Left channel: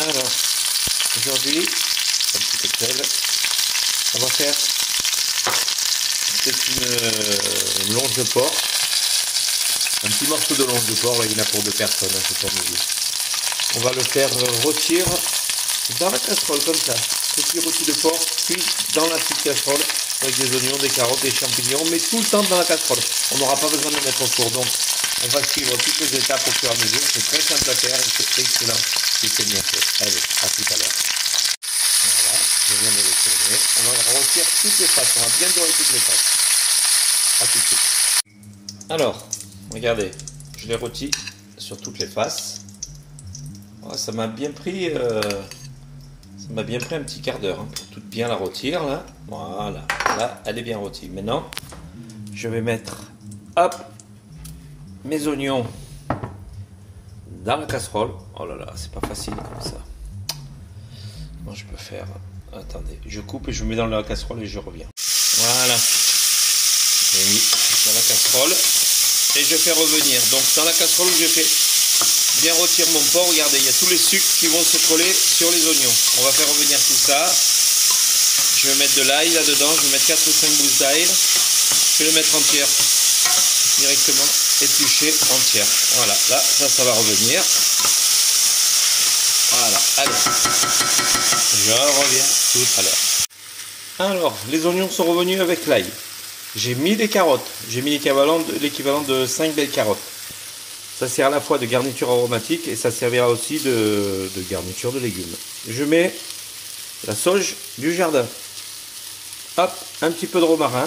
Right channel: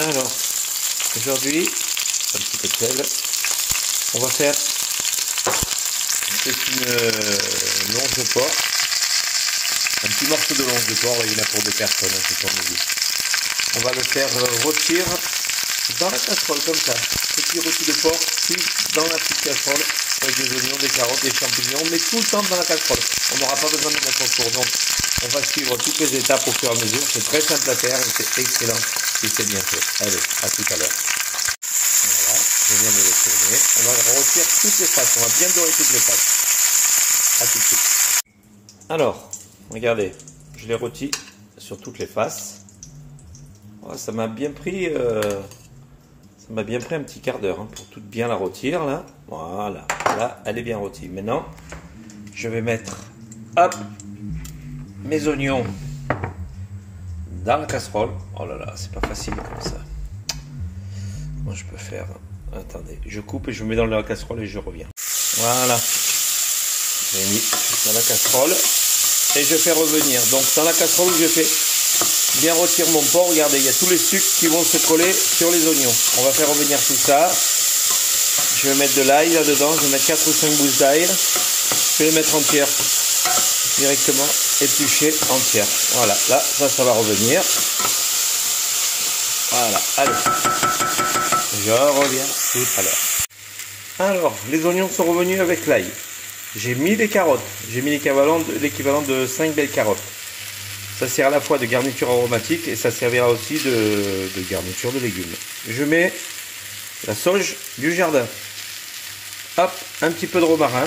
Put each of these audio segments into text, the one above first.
Alors, aujourd'hui, un petit peu de sel, on va faire, c'est une longe de porc, un petit morceau de longe de porc, il y en a pour 2 personnes, c'est pour midi. On va le faire rôtir dans la casserole, comme ça. Petit rôti de porc, puis dans la petite casserole, avec des oignons, des carottes, des champignons, mais tout le temps dans la casserole. On n'aura pas besoin de mettre au four, donc on va suivre toutes les étapes au fur et à mesure. C'est très simple à faire et c'est excellent si c'est bien fait. Allez, à tout à l'heure. Voilà, je viens de le tourner. On va rôtir toutes les faces, on va bien dorer toutes les faces. À tout de suite. Alors, regardez, je l'ai rôti sur toutes les faces. Oh, ça m'a bien pris un petit quart d'heure pour tout bien la rôtir là. Voilà, là elle est bien rôtie. Maintenant, je vais mettre hop mes oignons dans la casserole. Oh là là, c'est pas facile comme ça. Moi je peux faire. Attendez, je coupe et je mets dans la casserole et je reviens. Voilà, j'ai mis dans la casserole et je fais revenir. Donc dans la casserole, je fais bien rôtir mon porc. Regardez, il y a tous les sucres qui vont se coller sur les oignons. On va faire revenir tout ça. Je vais mettre de l'ail là-dedans. Je vais mettre 4 ou 5 gousses d'ail. Je vais les mettre entières directement, épluchées entières. Voilà, là, ça va revenir. Voilà, allez. Je reviens tout à l'heure. Alors, les oignons sont revenus avec l'ail. J'ai mis des carottes. J'ai mis l'équivalent de 5 belles carottes. Ça sert à la fois de garniture aromatique et ça servira aussi de garniture de légumes. Je mets la sauge du jardin. Hop, un petit peu de romarin.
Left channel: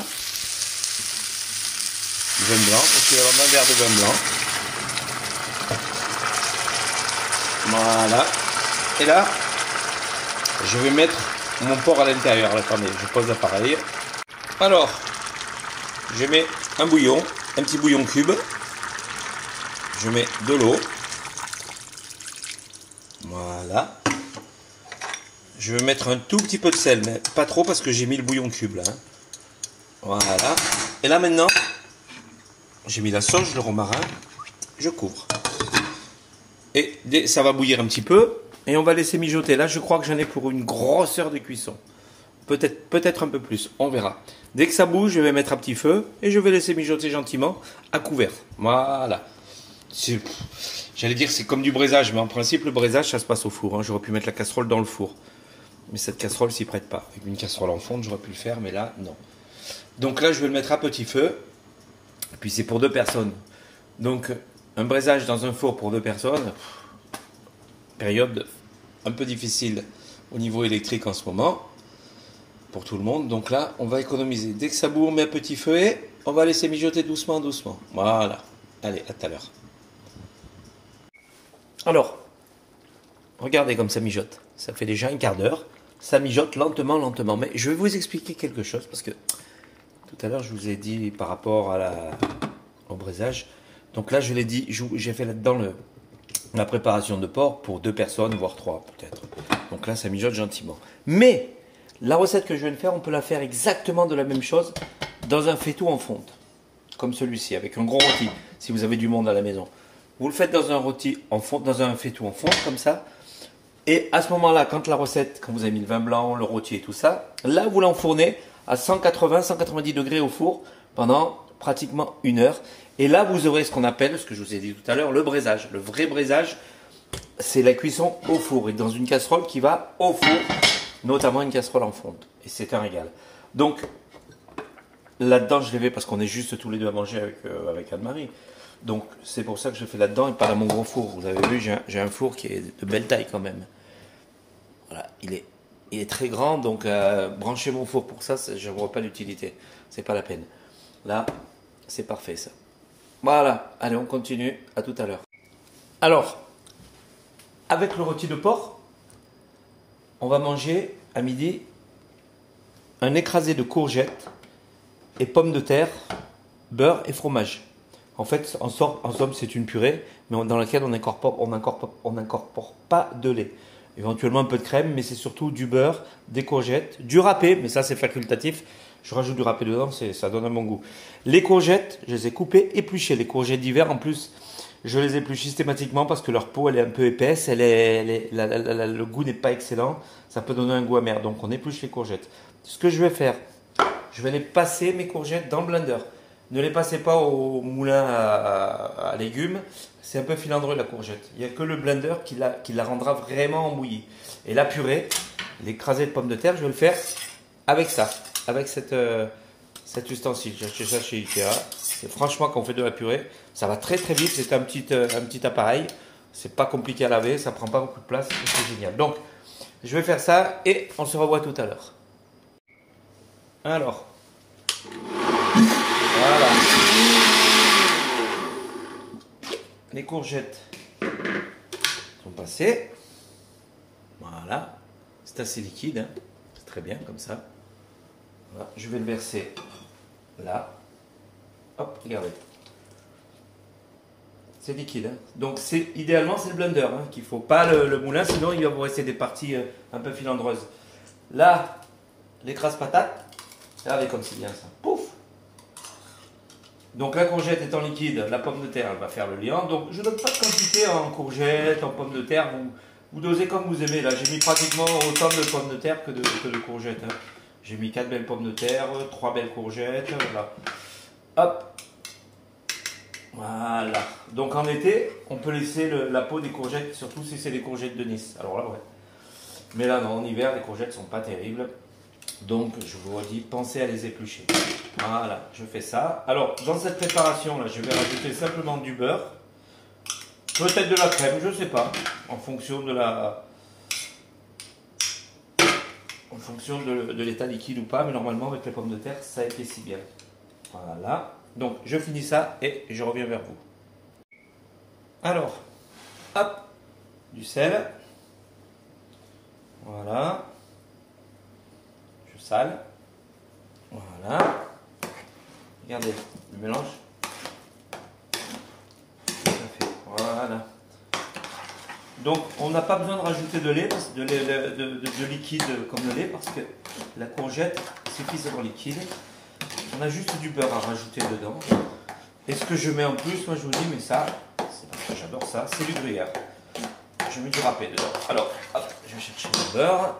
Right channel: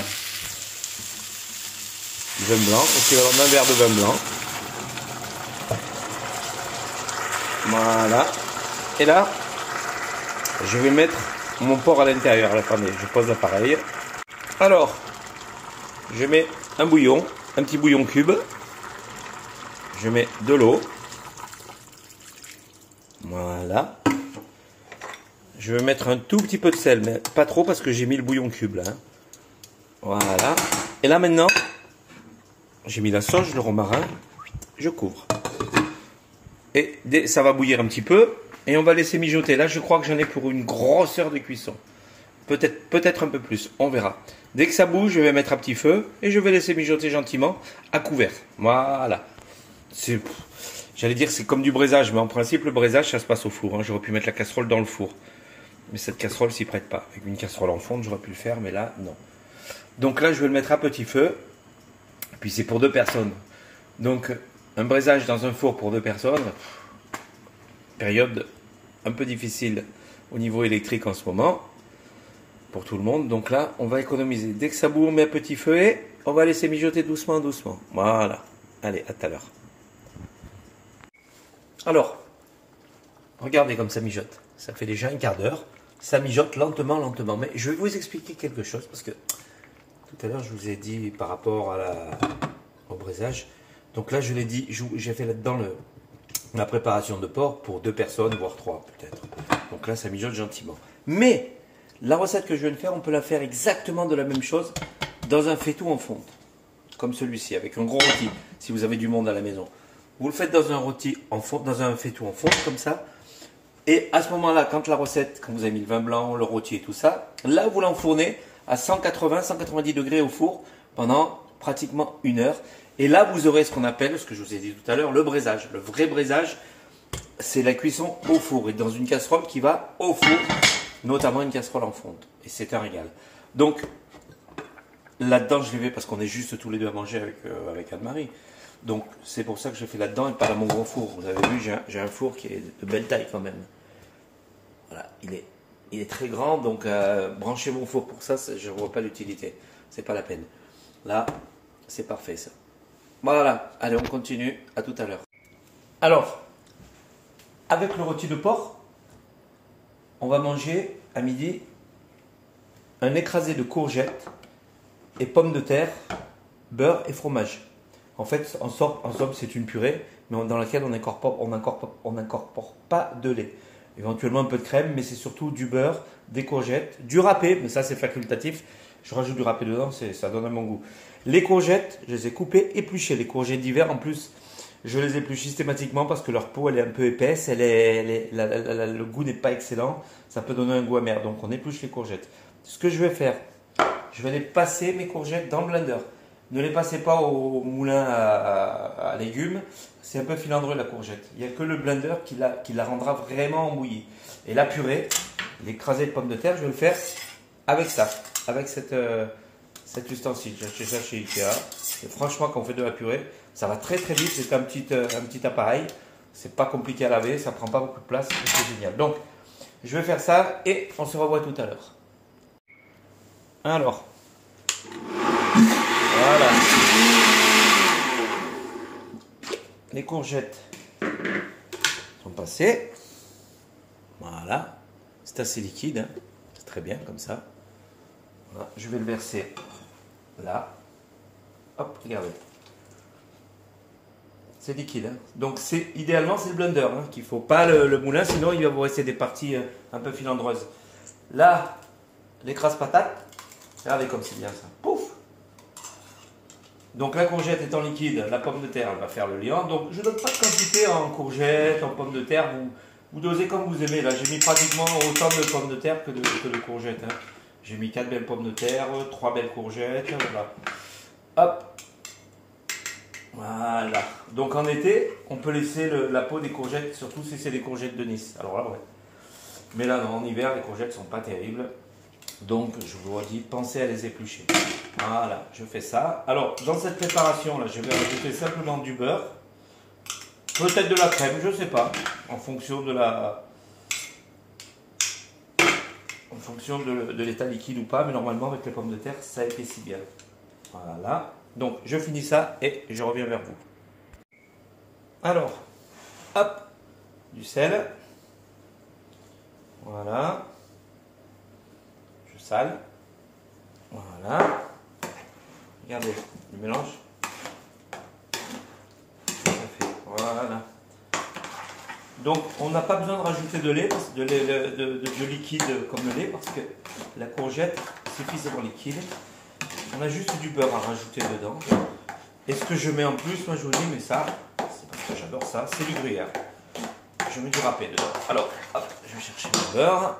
Du vin blanc, équivalent d'un verre de vin blanc. Voilà. Et là, je vais mettre mon porc à l'intérieur. Attendez, je pose l'appareil. Alors, je mets un bouillon, un petit bouillon cube. Je mets de l'eau. Voilà. Je vais mettre un tout petit peu de sel, mais pas trop parce que j'ai mis le bouillon cube là. Voilà. Et là maintenant, j'ai mis la sauge, le romarin. Je couvre. Et ça va bouillir un petit peu. Et on va laisser mijoter. Là, je crois que j'en ai pour une grosse heure de cuisson. Peut-être un peu plus. On verra. Dès que ça bouge, je vais mettre à petit feu. Et je vais laisser mijoter gentiment à couvert. Voilà. J'allais dire c'est comme du braisage, mais en principe le braisage ça se passe au four. J'aurais pu mettre la casserole dans le four, mais cette casserole s'y prête pas. Avec une casserole en fonte j'aurais pu le faire, mais là non. Donc là je vais le mettre à petit feu. Puis c'est pour 2 personnes. Donc un braisage dans un four pour 2 personnes, période un peu difficile au niveau électrique en ce moment pour tout le monde. Donc là on va économiser. Dès que ça bout on met à petit feu et on va laisser mijoter doucement. Voilà. Allez, à tout à l'heure. Alors, regardez comme ça mijote. Ça fait déjà un quart d'heure. Ça mijote lentement. Mais je vais vous expliquer quelque chose parce que tout à l'heure, je vous ai dit par rapport au braisage. Donc là, je l'ai dit, j'ai fait là-dedans la préparation de porc pour 2 personnes, voire 3 peut-être. Donc là, ça mijote gentiment. Mais la recette que je viens de faire, on peut la faire exactement de la même chose dans un faitout en fonte. Comme celui-ci, avec un gros rôti, si vous avez du monde à la maison. Vous le faites dans un rôti en fonte, dans un faitout en fonte, comme ça. Et à ce moment-là, quand vous avez mis le vin blanc, le rôti et tout ça, là, vous l'enfournez à 180-190 degrés au four pendant pratiquement 1 heure. Et là, vous aurez ce qu'on appelle, ce que je vous ai dit tout à l'heure, le braisage. Le vrai braisage, c'est la cuisson au four et dans une casserole qui va au four, notamment une casserole en fonte. Et c'est un régal. Donc, là-dedans, je l'ai fait parce qu'on est juste tous les deux à manger avec Anne-Marie. Donc, c'est pour ça que je fais là-dedans et pas dans mon gros four. Vous avez vu, j'ai un four qui est de belle taille quand même. Voilà, il est très grand, donc brancher mon four pour ça, je ne vois pas l'utilité. C'est pas la peine. Là, c'est parfait ça. Voilà, allez, on continue. À tout à l'heure. Alors, avec le rôti de porc, on va manger à midi un écrasé de courgettes et pommes de terre, beurre et fromage. En fait, en somme, c'est une purée, mais dans laquelle on n'incorpore pas de lait. Éventuellement un peu de crème, mais c'est surtout du beurre, des courgettes, du râpé, mais ça c'est facultatif. Je rajoute du râpé dedans, ça donne un bon goût. Les courgettes, je les ai coupées, épluchées. Les courgettes d'hiver, en plus, Je les épluche systématiquement parce que leur peau elle est un peu épaisse, le goût n'est pas excellent, ça peut donner un goût amer. Donc on épluche les courgettes. Ce que je vais faire, je vais les passer mes courgettes dans le blender. Ne les passez pas au moulin à légumes, c'est un peu filandreux la courgette. Il n'y a que le blender qui la rendra vraiment bouillie. Et la purée, l'écrasé de pommes de terre, je vais le faire avec ça, avec cet ustensile. J'ai acheté ça chez Ikea. C'est franchement qu'on fait de la purée. Ça va très très vite, c'est un petit appareil. C'est pas compliqué à laver, ça prend pas beaucoup de place, c'est génial. Donc, je vais faire ça et on se revoit tout à l'heure. Alors, voilà. Les courgettes sont passées. Voilà. C'est assez liquide, hein. C'est très bien comme ça. Voilà. Je vais le verser là. Hop, regardez. C'est liquide. Hein. Donc idéalement c'est le blender qu'il ne faut pas le moulin, sinon il va vous rester des parties un peu filandreuses. Là, l'écrase patate, regardez comme c'est bien ça. Pouf. Donc la courgette étant liquide, la pomme de terre elle va faire le liant. Donc je ne donne pas de quantité en courgette, en pommes de terre. Vous dosez comme vous aimez. Là j'ai mis pratiquement autant de pommes de terre que de courgettes. Hein. J'ai mis 4 belles pommes de terre, 3 belles courgettes. Voilà. Hop. Voilà. Donc en été, on peut laisser la peau des courgettes, surtout si c'est des courgettes de Nice. Alors là, ouais. Mais là, non, en hiver, les courgettes ne sont pas terribles. Donc, je vous redis, pensez à les éplucher. Voilà, je fais ça. Alors, dans cette préparation-là, je vais rajouter simplement du beurre. Peut-être de la crème, je ne sais pas. En fonction de l'état liquide ou pas. Mais normalement, avec les pommes de terre, ça épaissit bien. Voilà. Donc, je finis ça et je reviens vers vous. Alors, hop, du sel. Voilà. Je sale. Voilà. Regardez, le mélange. Ça fait. Voilà. Donc, on n'a pas besoin de rajouter de lait, de liquide comme le lait, parce que la courgette est suffisamment liquide. On a juste du beurre à rajouter dedans. Et ce que je mets en plus, moi je vous dis, mais ça, c'est parce que j'adore ça, c'est du gruyère. Je mets du râpé dedans. Alors, hop, je vais chercher le beurre.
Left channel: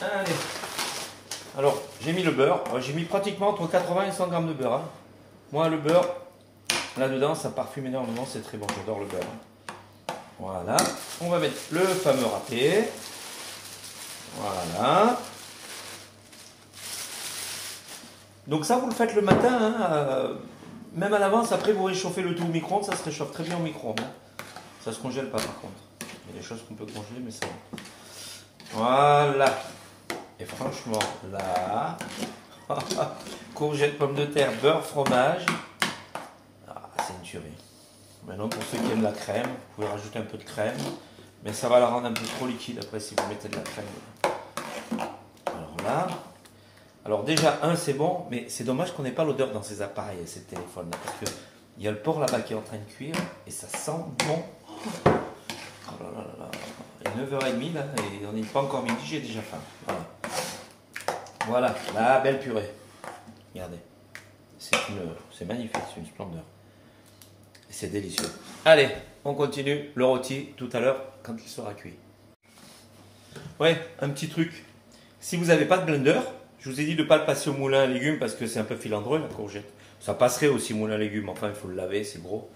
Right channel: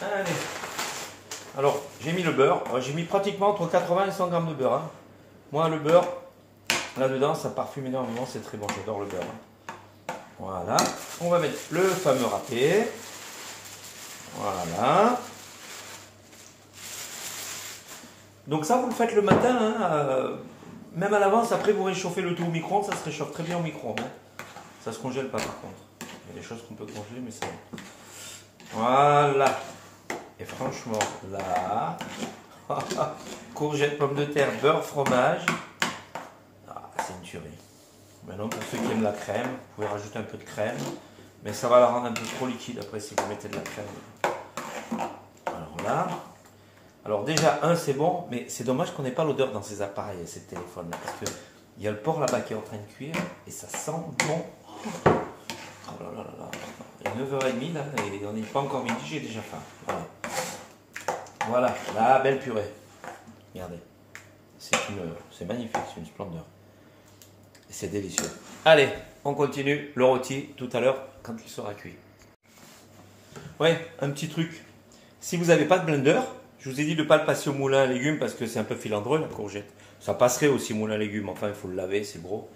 Allez. Alors, j'ai mis le beurre. J'ai mis pratiquement entre 80 et 100 grammes de beurre. Hein. Moi, le beurre, là-dedans, ça parfume énormément, c'est très bon, j'adore le beurre. Hein. Voilà. On va mettre le fameux râpé. Voilà. Donc ça, vous le faites le matin, hein, même à l'avance, après vous réchauffez le tout au micro-ondes, ça se réchauffe très bien au micro-ondes. Hein. Ça ne se congèle pas par contre. Il y a des choses qu'on peut congeler, mais ça... Voilà. Et franchement, là... courgettes, pommes de terre, beurre, fromage. Ah, c'est une tuerie. Maintenant, pour ceux qui aiment la crème, vous pouvez rajouter un peu de crème. Mais ça va la rendre un peu trop liquide après si vous mettez de la crème. Alors là... Alors déjà, c'est bon, mais c'est dommage qu'on n'ait pas l'odeur dans ces appareils, ces téléphones là, parce qu'il y a le porc là-bas qui est en train de cuire, et ça sent bon. Oh là là là là, il est 9h30 là, et on n'est pas encore midi, j'ai déjà faim. Voilà. Voilà, la belle purée. Regardez, c'est magnifique, c'est une splendeur. C'est délicieux. Allez, on continue le rôti tout à l'heure quand il sera cuit. Ouais, un petit truc. Si vous n'avez pas de blender, je vous ai dit de ne pas le passer au moulin à légumes parce que c'est un peu filandreux la courgette. Ça passerait aussi au moulin à légumes, enfin il faut le laver, c'est gros.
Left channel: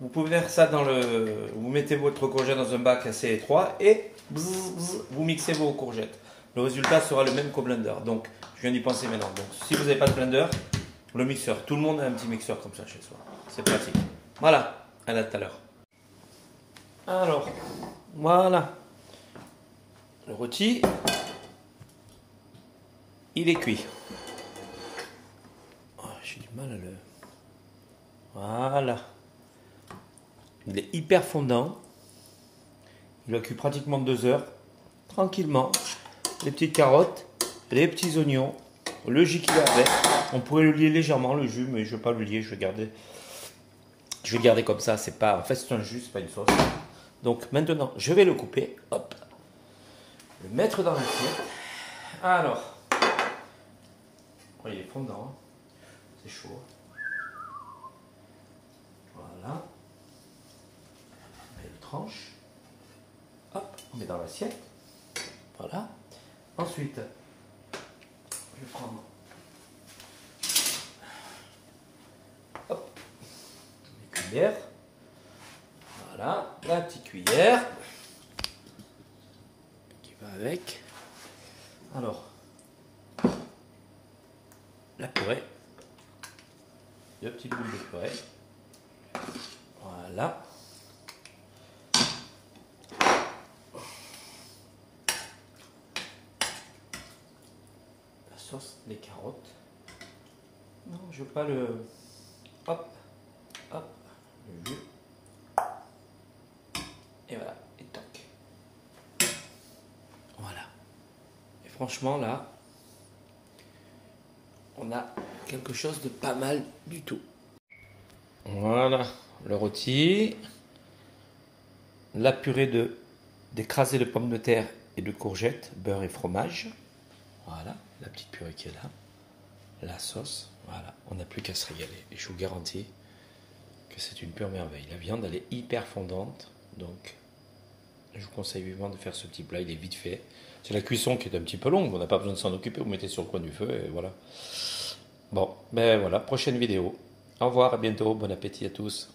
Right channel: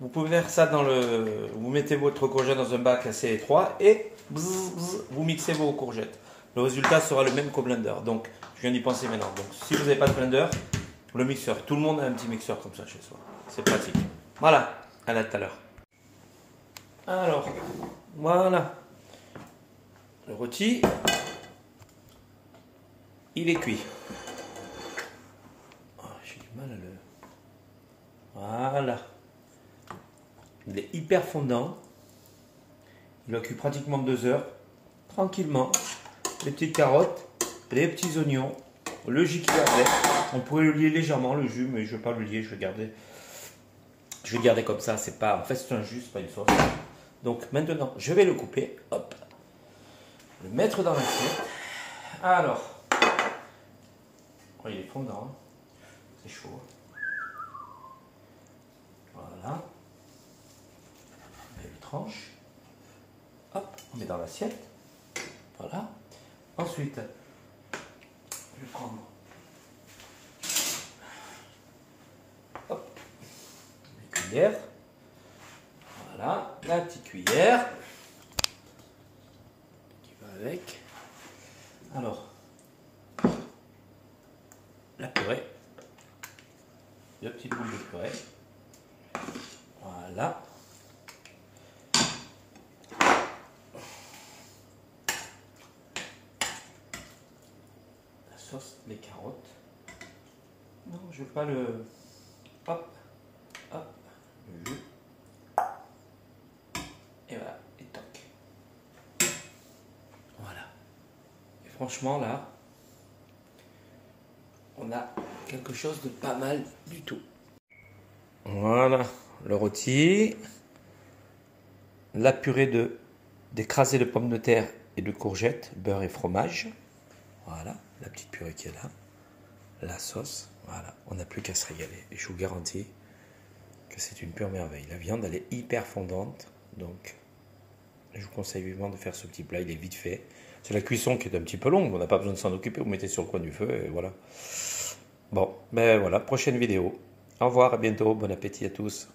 Vous pouvez faire ça dans le... Vous mettez votre courgette dans un bac assez étroit et vous mixez vos courgettes. Le résultat sera le même qu'au blender. Donc, je viens d'y penser maintenant. Donc, si vous n'avez pas de blender, le mixeur. Tout le monde a un petit mixeur comme ça chez soi. C'est pratique. Voilà. À tout à l'heure. Alors, voilà. Le rôti, il est cuit. Oh, j'ai du mal à le... Voilà. Il est hyper fondant. Il a cuit pratiquement 2 heures. Tranquillement. Les petites carottes, les petits oignons, le jus qu'il y a avec. On pourrait le lier légèrement, le jus, mais je ne vais pas le lier. Je vais garder comme ça. C'est pas... En fait, c'est un jus, c'est pas une sauce. Donc maintenant, je vais le couper. Hop. Le mettre dans l'assiette. Alors. Oh, il est fondant. C'est chaud. tranches. Hop, on met dans l'assiette. Voilà. Ensuite, je vais prendre mes cuillères. Voilà, la petite cuillère qui va avec. Alors, la purée. 2 petites boules de purée. Voilà. La sauce, les carottes. Non, je veux pas le... Hop, hop, le jus. Et voilà, et toc. Voilà. Et franchement, là, on a quelque chose de pas mal du tout. Voilà, le rôti. La purée d'écrasé de pommes de terre et de courgettes, beurre et fromage. Voilà, la petite purée qui est là. La sauce, voilà, on n'a plus qu'à se régaler. Et je vous garantis que c'est une pure merveille. La viande, elle est hyper fondante, donc je vous conseille vivement de faire ce petit plat, il est vite fait. C'est la cuisson qui est un petit peu longue, on n'a pas besoin de s'en occuper, vous mettez sur le coin du feu et voilà. Bon, ben voilà, prochaine vidéo. Au revoir, à bientôt, bon appétit à tous.